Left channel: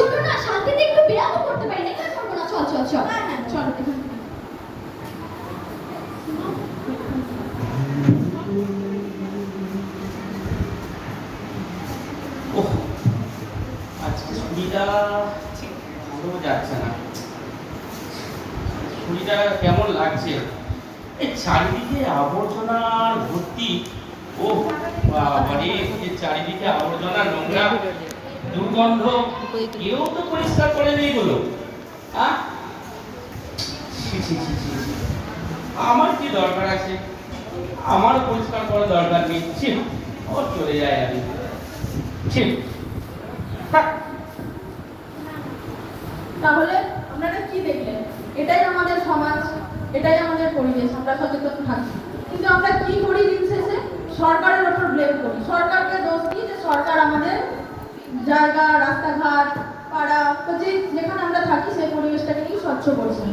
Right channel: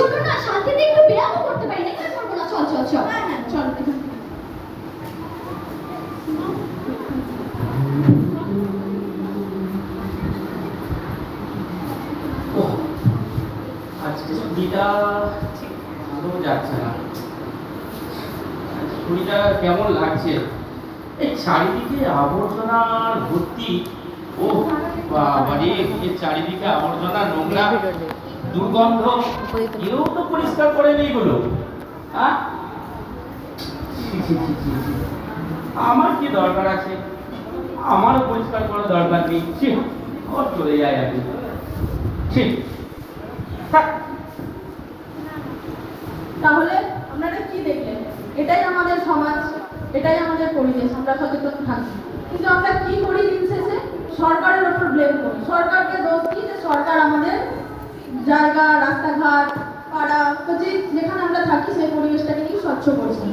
চলো না, শান্তিতে একটু ব্যায়াম করতে পারি না, কেন করবো না? চল চল চল, চল। ওহ, আজকে ছুটিটা ঠিক ভালো যাচ্ছে না। ছুটিটা কেমন লাগছে? এই চারিদিকে আবর্জনার ভর্তি। ও বাবারে, এই চারিদিকে আবর্জনা, নোংরা, দুর্গন্ধ, কেউ তো পরিষ্কার করে নেই বলো। হ্যাঁ, ছি, ছি, ছি, ছি, ছি। আমার কি দরকার আছে? আমার পরিষ্কার করার দরকার নেই। ছি, আমার চলে যায় আমি। ছি, থাক। তাহলে আপনারা কি দেখলেন? এটাই আমাদের সমাজ, এটাই আমাদের পরিবেশ। আমরা সচেতন থাকি, কিন্তু আমরা কি করি দিন শেষে? সরকারের ওপর ব্লেম করি। সরকারকে দোষ দিই যে সরকার আমাদের জায়গা, রাস্তাঘাট, পাড়া, যেখানে আমরা থাকি সেই পরিবেশটাকে স্বচ্ছ করেছে।